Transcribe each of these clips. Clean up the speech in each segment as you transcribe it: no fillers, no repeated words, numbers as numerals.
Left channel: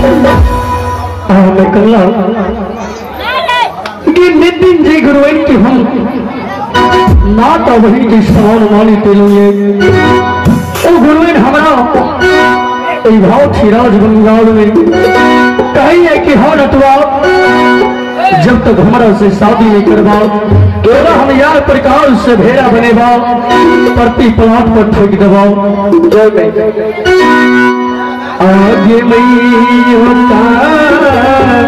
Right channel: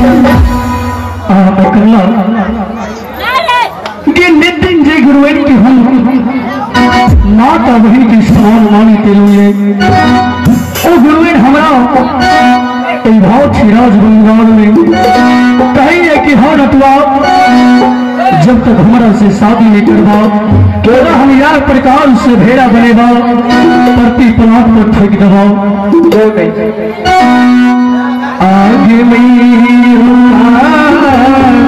मैं कल्ला ये नितिन जी गुरुवेन की हम माता बहन की समान वाली के लिए ओ गुरुवेन हमारा भाव थी राज बंगाल में कहीं है कि हर अथवा जब तक हमारा से शादी नहीं करवा तो हम यार प्रकार से भेड़ा बनेगा प्रति पलाट पर ठेक दबाओ आगे नहीं होता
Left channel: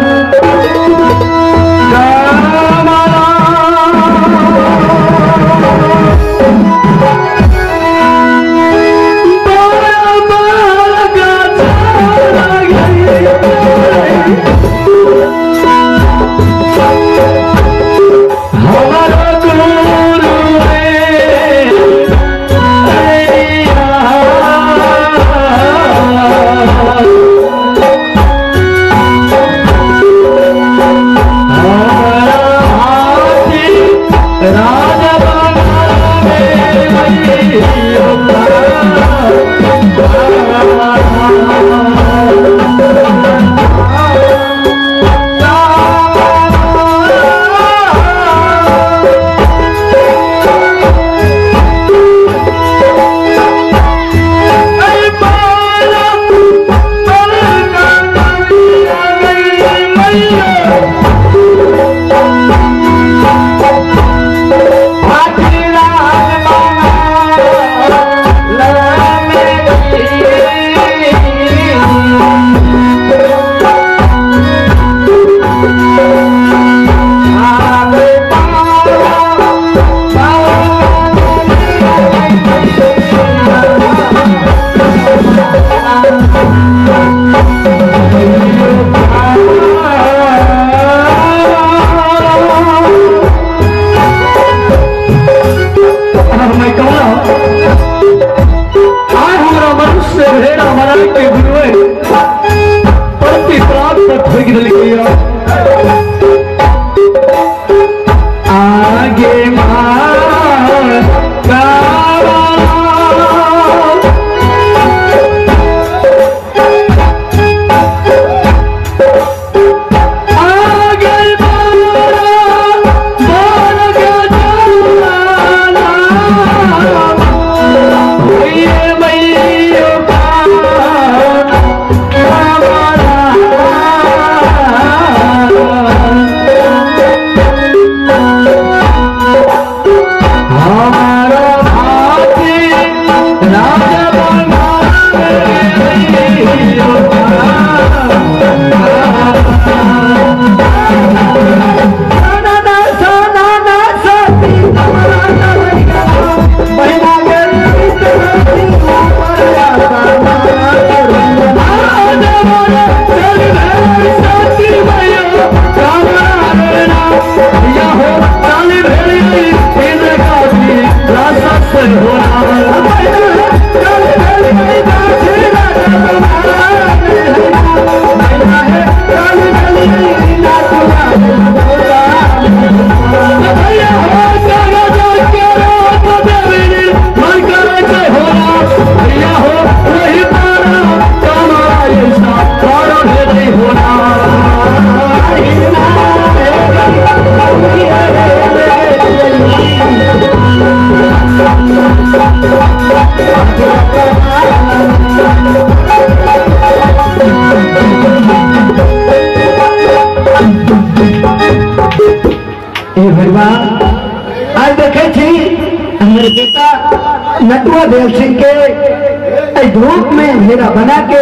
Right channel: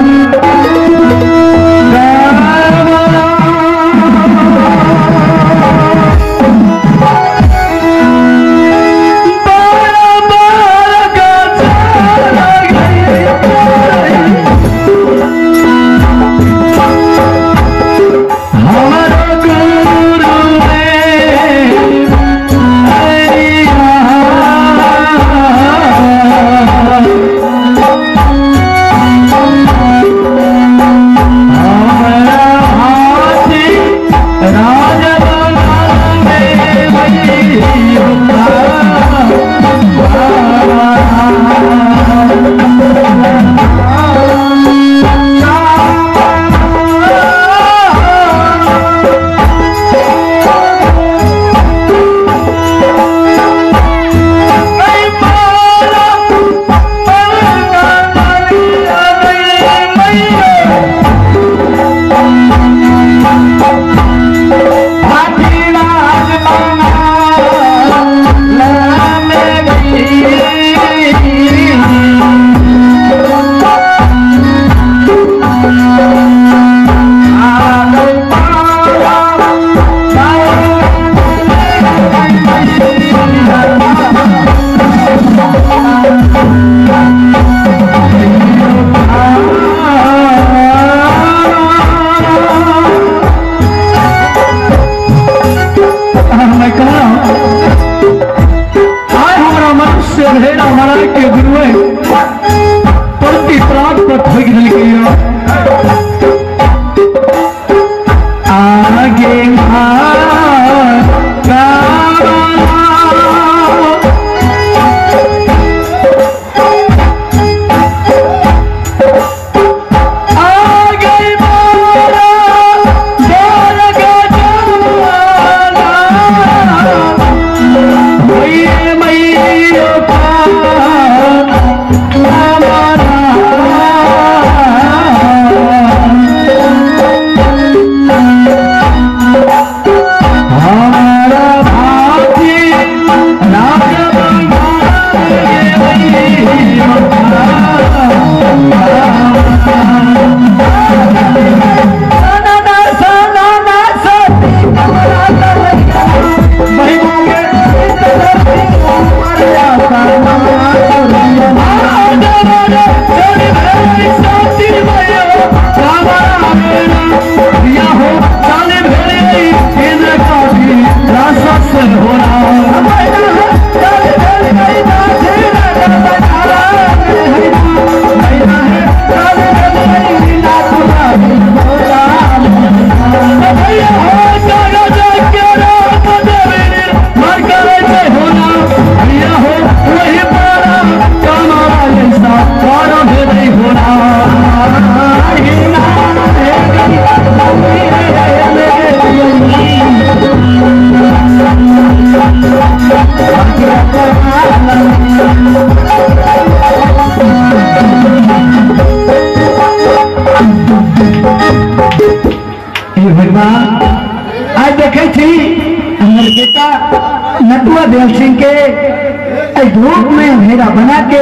नटुआ देव सिंह के धूप में घेरा बना के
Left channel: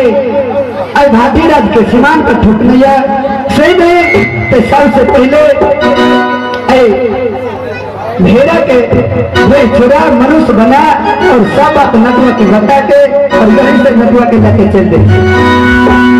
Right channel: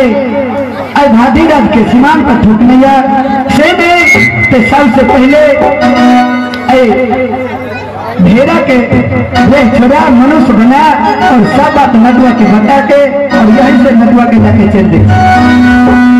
भागीरथ के सीमान पर ठुक लिया से सबसे पहले घेरा के वे छोड़ा मनुष्य बना और सब बात नटुआ के बता के और यहीं से नटुआ के जाके चल दे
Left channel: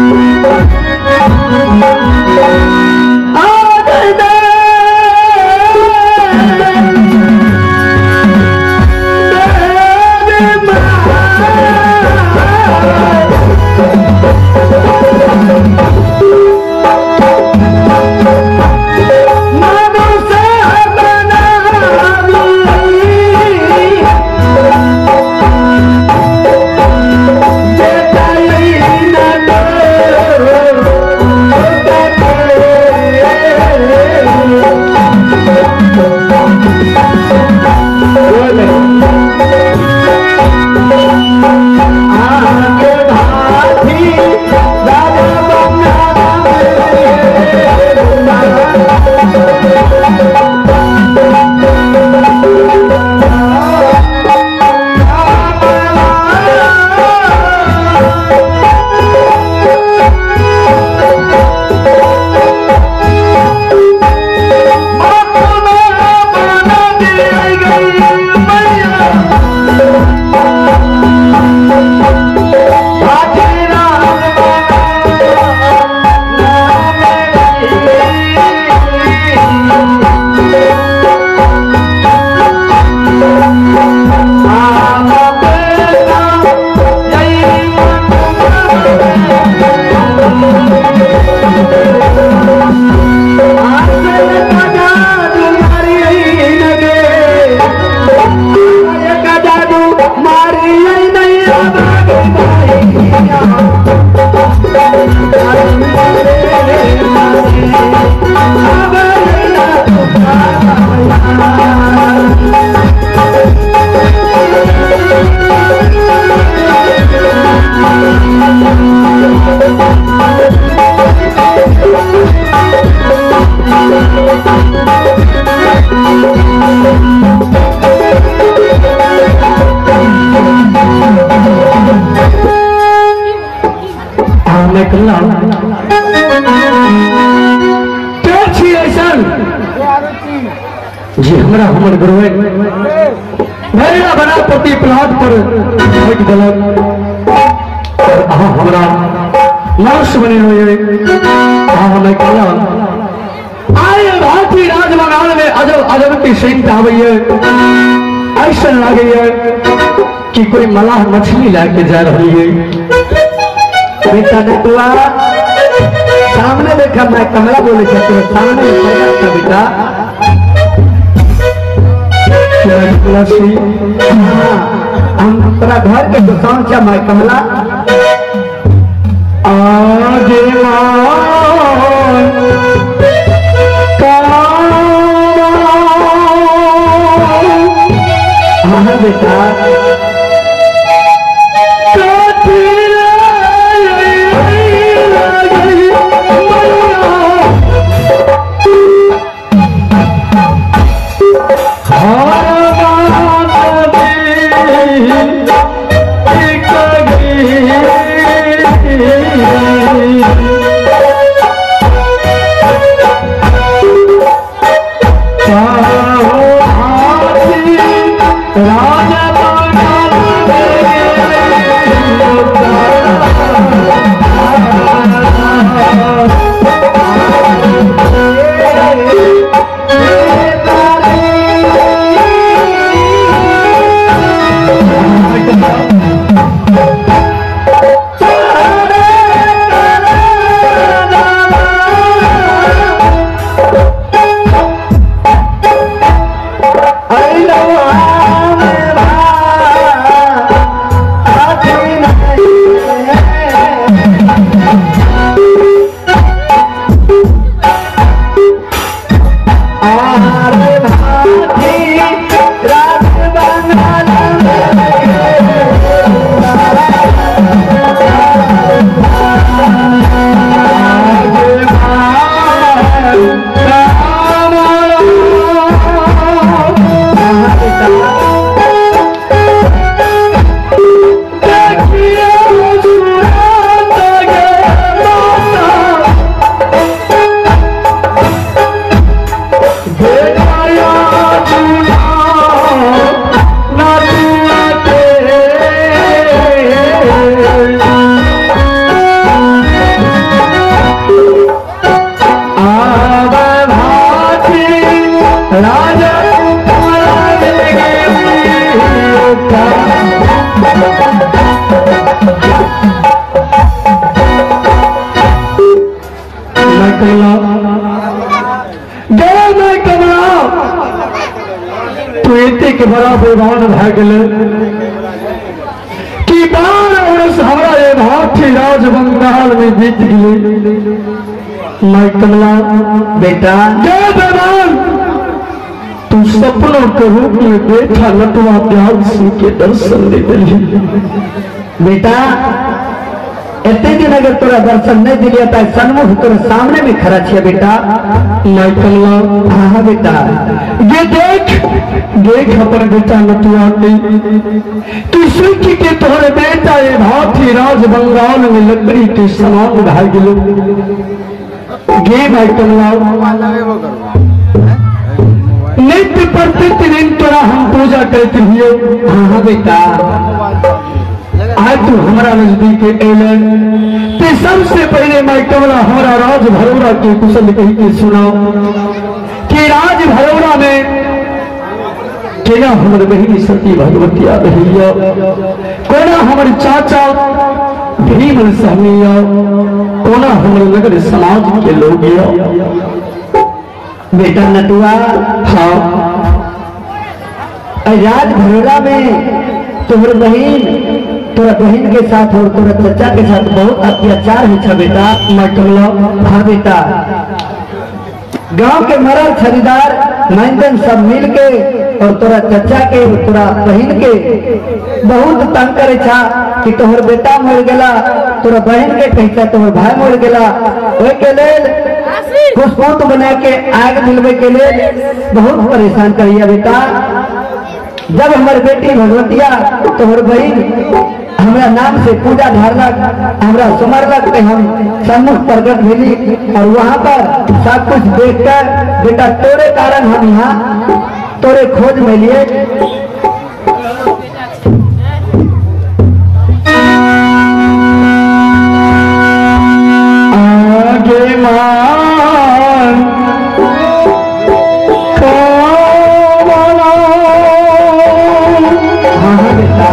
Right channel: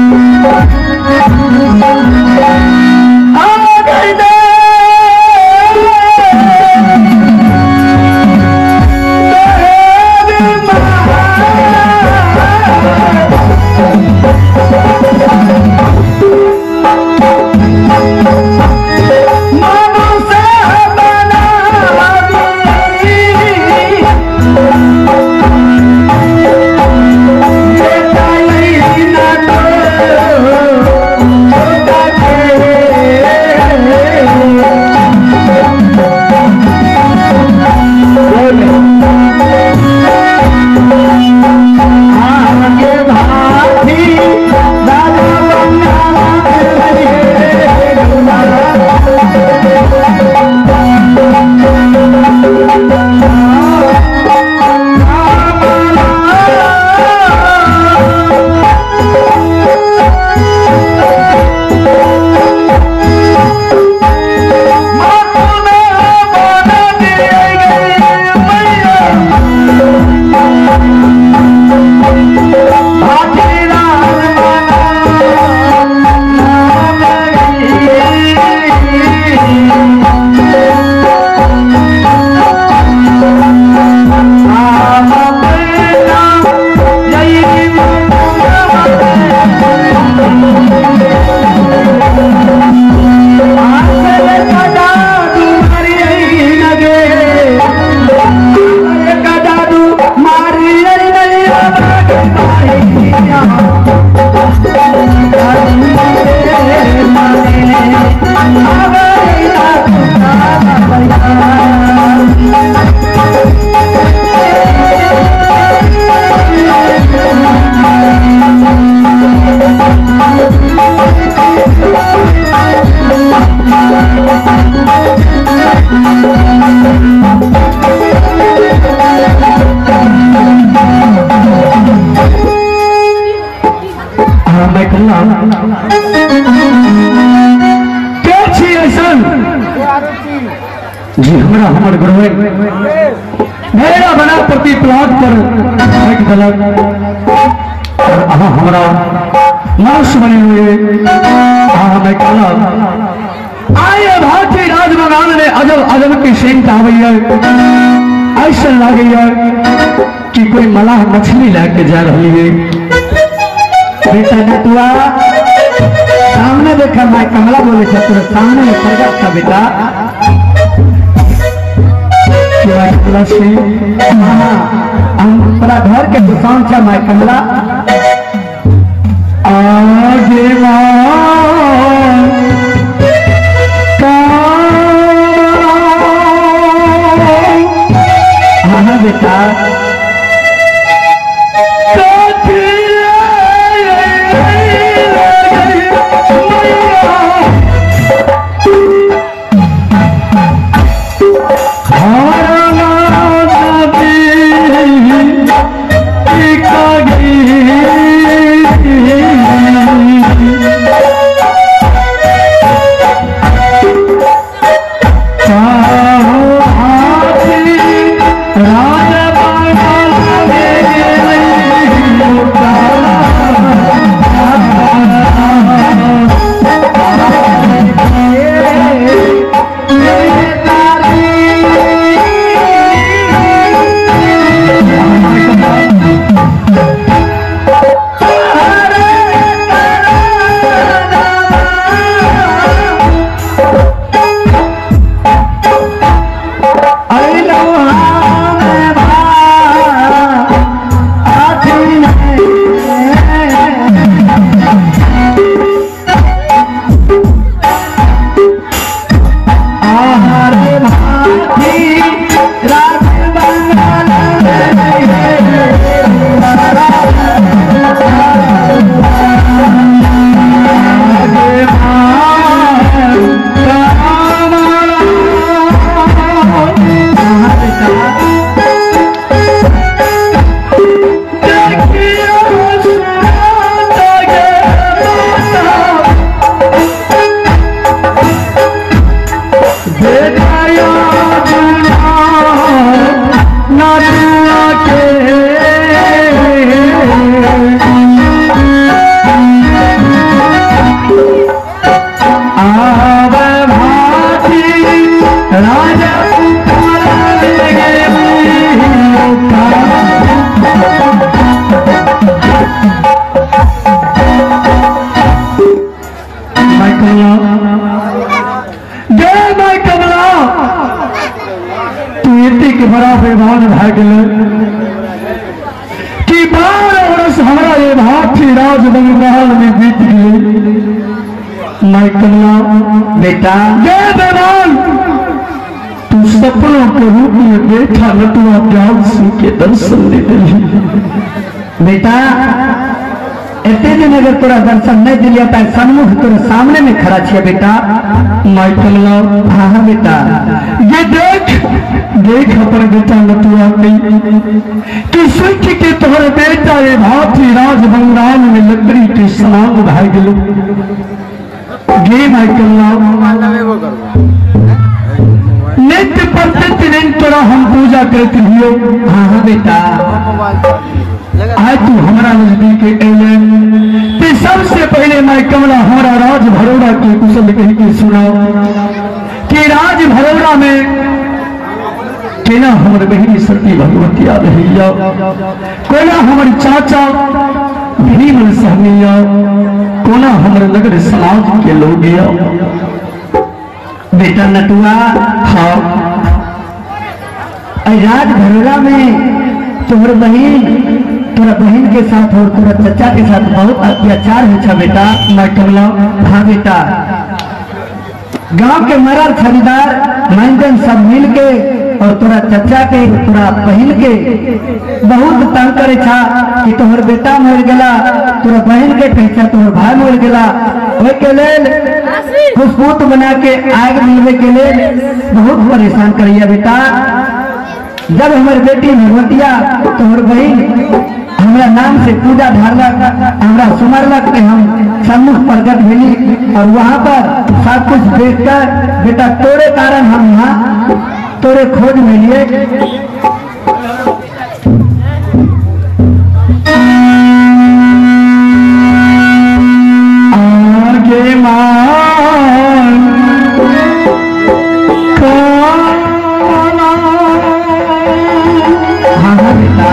जी हमरा हमर गुरुवे मेरा बना प्रति प्लाट पर एक दलक हमरा नर्स बने हुए हमें कहा आए भारतीय राज बंगाल में अजब अजब की सिंह आवे ऐसा लगे कि कोई मलाह मछली लेके जा रही है। बेटा नटुआ सामने देखा मैं कमला बोले तेरे सामने प्रकट था बेटा हम पूरा घर के दुकान क्या मैं कमला आगे बेटा के बराबर भान भाग कि 12 वर्ष हमारा ये भारतीय राज बंगाल में बीत गए। मैं कमला बेटा जय बेमान तू सपनों के रूप में बैठा नटुआ प्याल सिंह के दर्शन दे रही बेटा इतने दिन अगर तोरा दर्शन नहीं दिलिया था सन्मुख तोरा सामने में खड़ा छिया बेटा। माई कमला हाँ हाँ बेटा ये देख देख अपन बेटा नतुआ तू सोच के तोहर बेटा ये भाथी राज बंगाल में लकड़ी के समान भाग गेलो गे माई कमला नित्य प्रतिदिन तोरा हम पूजा करते रहियो। हाँ हाँ बेटा आज तू हमारा नजदीक अले ते सबसे पहले मैं कमला हमारा राज भरोड़ा के कुशल कही के सुनाओ कि राज भरोड़ा में केना हमारे बहनी सती भगवती आ रही कोना हमारे चाचा भीम सहनिया कोना हमारे नगर समाज के लोग बेटा नटुआ हाँ राज भरोड़ा में तोहर बहन तोरा बहन के साथ और तोरा चचा के साथ बहुत अत्याचार हो बेटा। मैं कमला हाँ बेटा गांव के मरल खरीदार मंजन सब मिल के और तोरा चचा के तोरा बहन के बहुत तंग करे था कि तोहर बेटा मर गला तोरा बहन के कहता तोहर भाई मर गला ओए के लेल पुष्पोत बना के आग मिलवे के लेल बहुत परेशान करिया बेटा। जब हमारे बेटी भगवतिया तोहर बहन हमारा नाम से पूजा धारलक हमारा सुमरलक के हम सम्मुख प्रकट मिली और वहाँ पर सब कुछ देख कर बेटा तोरे कारण हम यहाँ तोरे खोज में लिए आगे हाँ बेटा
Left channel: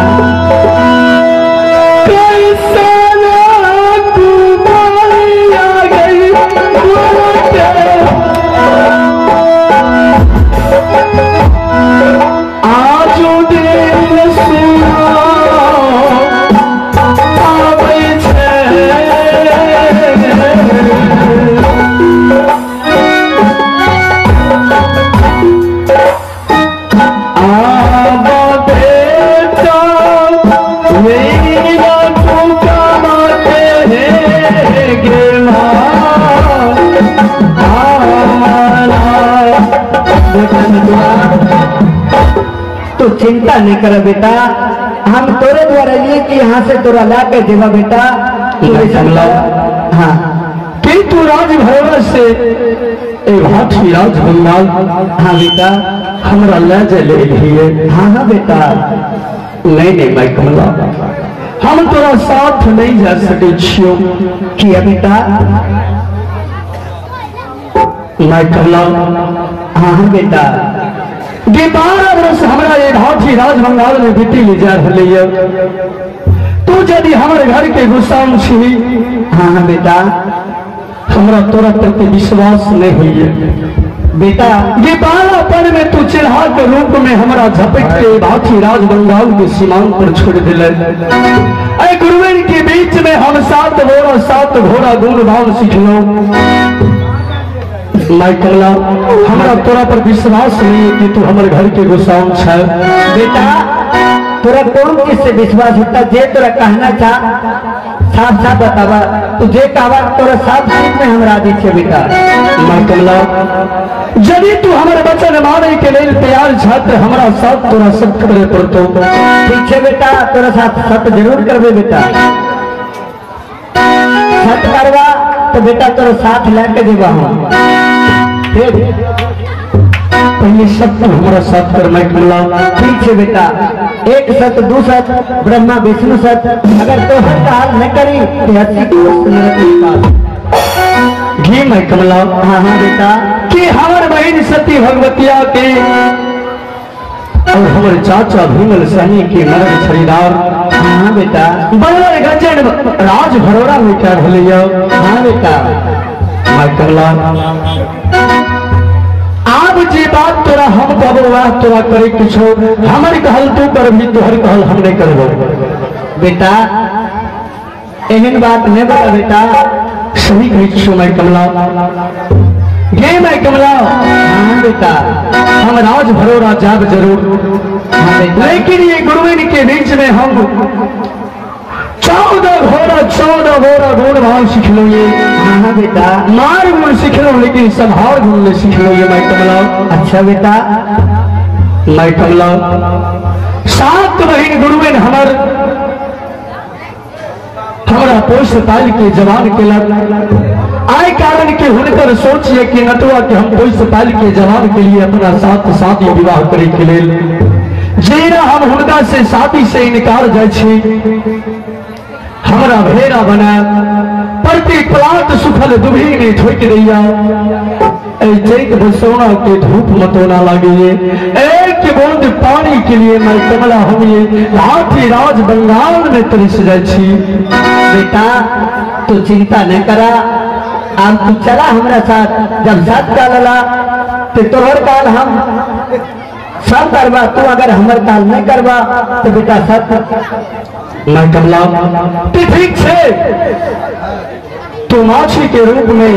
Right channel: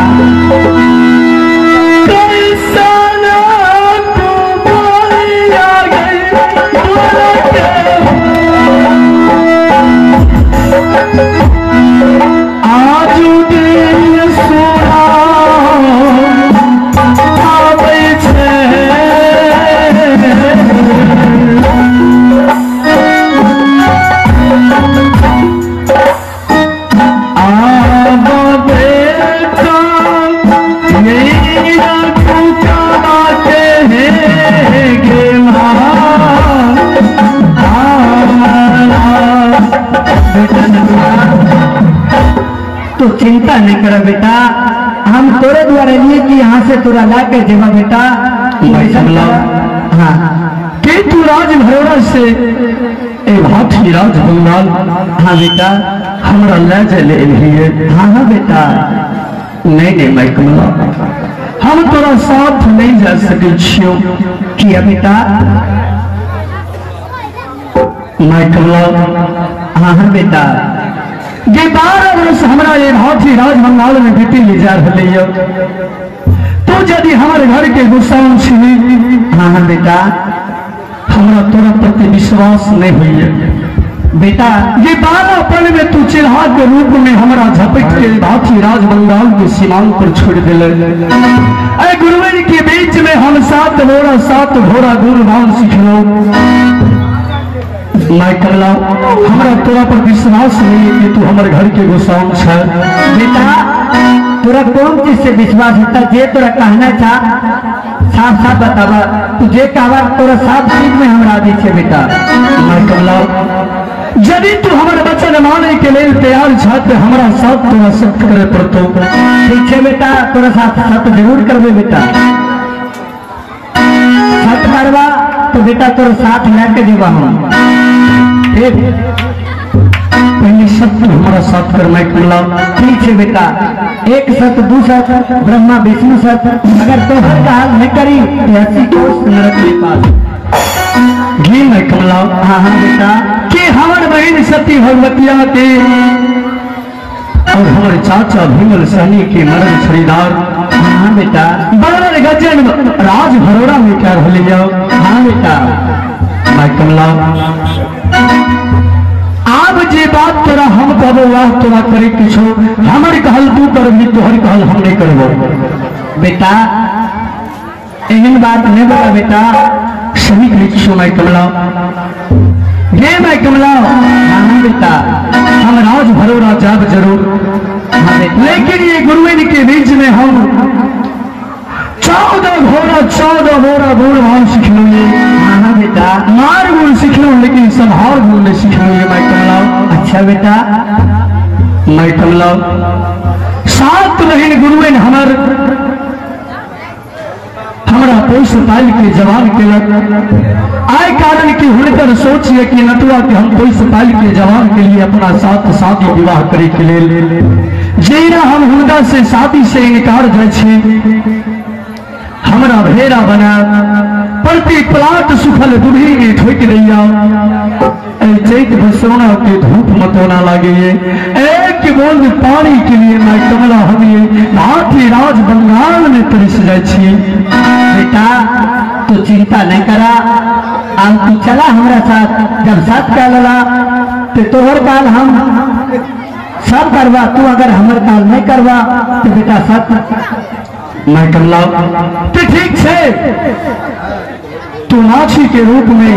तो चिंता नहीं करो बेटा हम तोरे द्वारा लिए कि यहाँ से तोरा ला के देवा बेटा। हाँ कि तू राज भरोड़ा से ए भाटी राज बंगाल हाँ बेटा हमरा ले चले लिए। हाँ हाँ बेटा नहीं मैं कमला हम तोरा साथ नहीं जा सके छियो किया बेटा। मैं कमला हाँ हाँ बेटा 12 वर्ष हमारा ये भाटी राज बंगाल में बीती ले जा रही तू यदि हमारे घर के गुस्साओं छी हाँ हाँ बेटा हमरा तोरा प्रति विश्वास नहीं हुई बेटा। ये 12 पल में तू चिल्हा के रूप में हमारा झपट के भाटी राज बंगाल में सीमांत पर छोड़ दिले। गुरुवन के बीच में हम 7 घोड़ा गुणगान सीखलो। मैं कमला हमारा तोरा पर विश्वास नहीं है कि तू हमारे घर के गुस्साओं छे। बेटा तोरा कौन चीज से विश्वास होता जे तोरा कहना चाह साफ साफ बतावा तुझे कहवा तोरा साफ चीज में हमरा दी छे बेटा। मैं कमला यदि तू हमारे बच्चा माने के लिए तैयार छात्र हमारा साथ तोरा सत्य करे पड़तो। ठीक है बेटा तोरा साथ सत्य जरूर करबे बेटा। सत्य करवा तो बेटा तोरा साथ लेके देवा हम पहले सत्य हमारा साथ कर। मैं कमला ठीक है बेटा एक सत्य दो सत्य ब्रह्मा विष्णु सत्य अगर तो हाल न करी तो 80 कोष नरक निकाल घी। मैं कमला हाँ हाँ बेटा कि हमारे बहन सती भगवतिया के और हमारे चाचा भीमल सहनी के नरक खरीदार हाँ बेटा बड़े गजन राज भरोड़ा में क्या भलिया। हाँ बेटा मैं कमला आप जी बात तोरा हम कबो वाह तोरा करे किछो हमारे कहल तू कर भी तोहर कहल हम नहीं करबो। बेटा एहन बात नहीं बता बेटा सही कही किछो। मैं कमला ये मैं कमला हाँ बेटा हम राज भरोड़ा जाब जरूर हाँ बेटा लेकिन ये गुरुवेद के बीच में हम 14 घोड़ा गुण भाव सीख लोगे। हाँ बेटा। मार गुण सीख लो लेकिन संभार गुण में सीख लोगे माई कमला। अच्छा बेटा। माई कमला 7 महीने गुरु में हमारा पोष पाल के जवान के आय कारण के हुनकर सोचिए कि नटुआ के हम पोष पाल के जवान के लिए अपना साथ शादी विवाह करे के लिए जेना हम हुनका से शादी से इनकार जाए हमारा भेड़ा बना प्रति प्लाट सुखल दुभी में ठोक दैया चैत बसोना के धूप मतोना लगे एक बूंद पानी के लिए मैं कमला हम ये हाथी राज बंगाल में तरस जाए। बेटा तू चिंता नहीं करा, अब तू चला हमारा साथ। जब साथ का लला तो तोहर काल हम सब करवा, तू अगर हमार काल नहीं करवा तो बेटा सब मैं कमला तो ठीक है। तू माछी के रूप में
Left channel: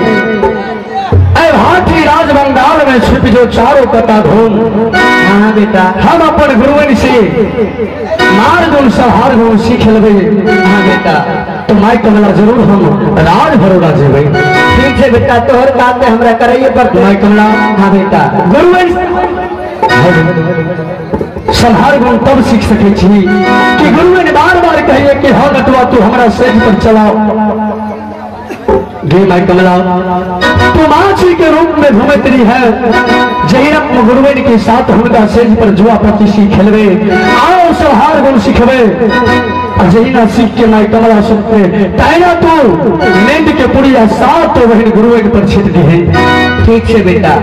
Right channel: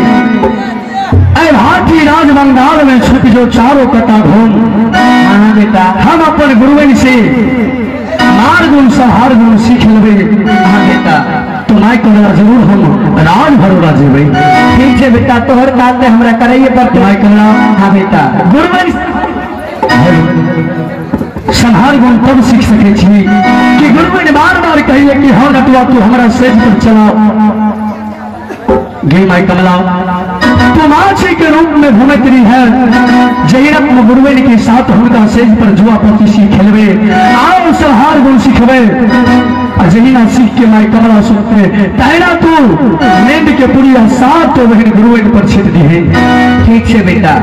हाथी राज बंगाल में छिप जो चारों पता ढूंढ। हाँ बेटा। हम अपन गुरुवन से मार गुण संहार गुण सीख लेवे। हाँ बेटा। तो माई कमला जरूर हम राज भरोड़ा जेबे। ठीक है बेटा, तोहर बात हमरा कराइए पर माई कमला। हाँ बेटा। गुरुवन संहार गुण तब सीख सके छी कि गुरुवन बार बार कहिए कि हाँ नटुआ तू हमारा सेज पर चला गे माई कमला। तो माछी के रूप में घूमत रही है जहीरम गुरुवन के साथ हुनका सेज पर जुआ पति खेलवे आओ संहार गुण सीखवे। जहीना सीख के माई कमला सुनते पहना तू नींद के पुड़िया 7 बहन गुरुवन पर छिट दी है। ठीक है बेटा।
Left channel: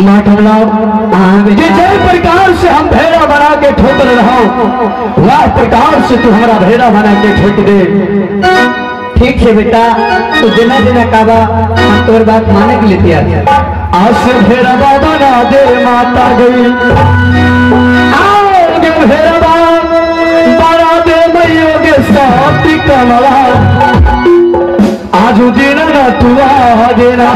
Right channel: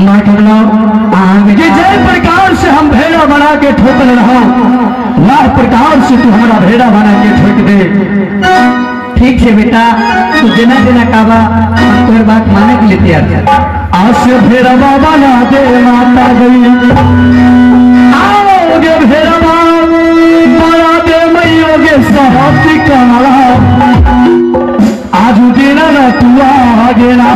माँ कमला ये जय प्रकार से हम भेड़ा बना के ठोक रहा वह प्रकार से तू हमारा भेड़ा बना के ठोक दे। ठीक है बेटा, तू जना जना काबा हम तुम्हारी बात मानने के लिए तैयार है। आज से भेड़ा बना दे माता गई आओगे भेड़ा बना दे मैयोगे साथी कमला आज देना ना तू आ देना